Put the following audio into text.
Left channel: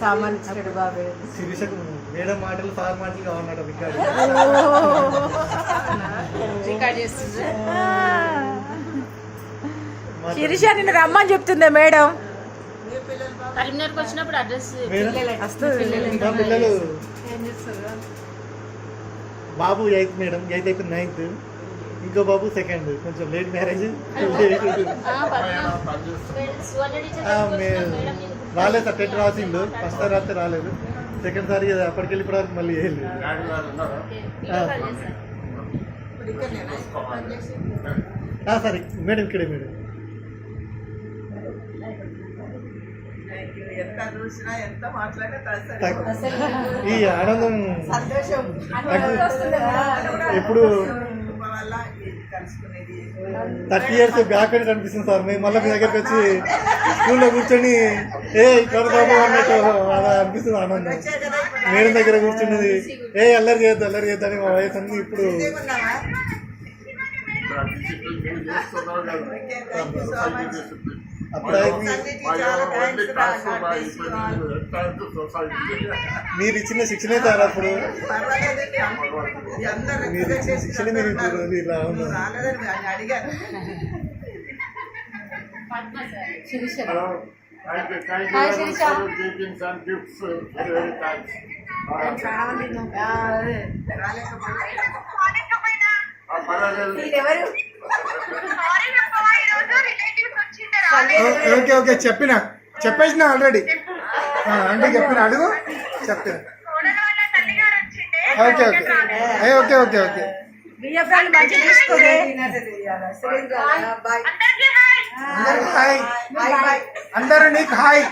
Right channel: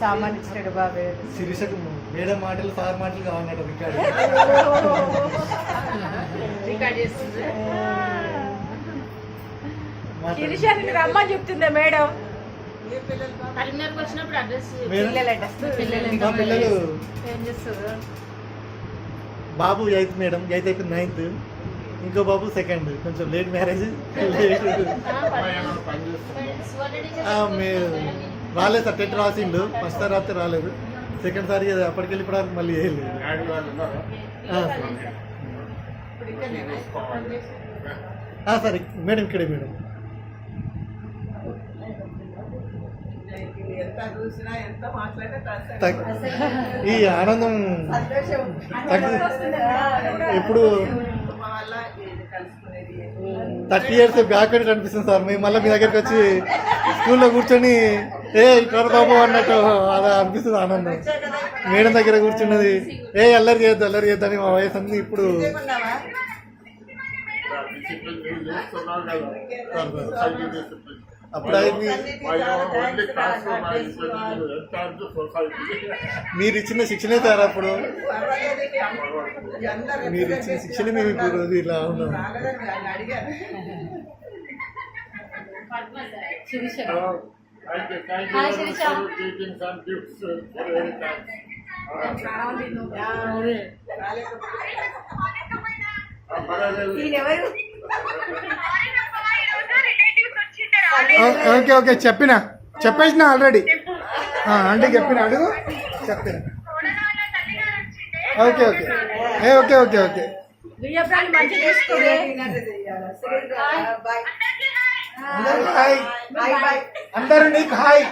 సామాన్ ఇచ్చినాడు బాబాయ్. శిరీషకు మేడం మాటలు సార్ మాటలు కావన్నాడు రికార్డ్ చేస్తుంది. శిరీష నిన్ను రమ్మని చెప్తుందే మేడం. కరీంనగర్కి వచ్చినప్పుడు అడ్రస్ పిల్లలు బాబు 8th మేడం, 8th అయిపోయింది 9th, ఇంకో బాబు 2nd, కొంచెం లేట్ మ్యారేజ్. రాలేదు సార్, 10th రాసిండు, ఫస్ట్ సార్ రాస్తే రాలేదు, 2nd సారి అప్పటికెళ్ళి ఇప్పుడు మళ్ళీ సరే మేడం ఇక్కడే మేడం. ఈ ఆనందం ఇప్పుడు 30 years బ్యాక్ అని కనిపిస్తుంది సార్. మేము మళ్ళీ మీ దగ్గరికి వచ్చి స్కూల్లో కూర్చొని ఇక్కడ బాబు అన్నట్టు అలా అనిపిస్తుంది ఆనందం. మేడం దగ్గర కూర్చున్నది అల్లరి చేయొద్దు అని మా వయసు అన్ని ఇప్పుడు అప్పుడు మీరు ఇచ్చిన శిక్షణే సార్. అప్పుడు మీరు ఇచ్చిన శిక్షణ మేము ఇప్పుడు ఇలా ఉన్నాం. ఓకే ఓకే చెప్పేసిన ఆల్రెడీ అంటే చెప్పిన అడుగు చెప్పిన. Okay okay okay okay okay అందరూ నీకు హాయ్.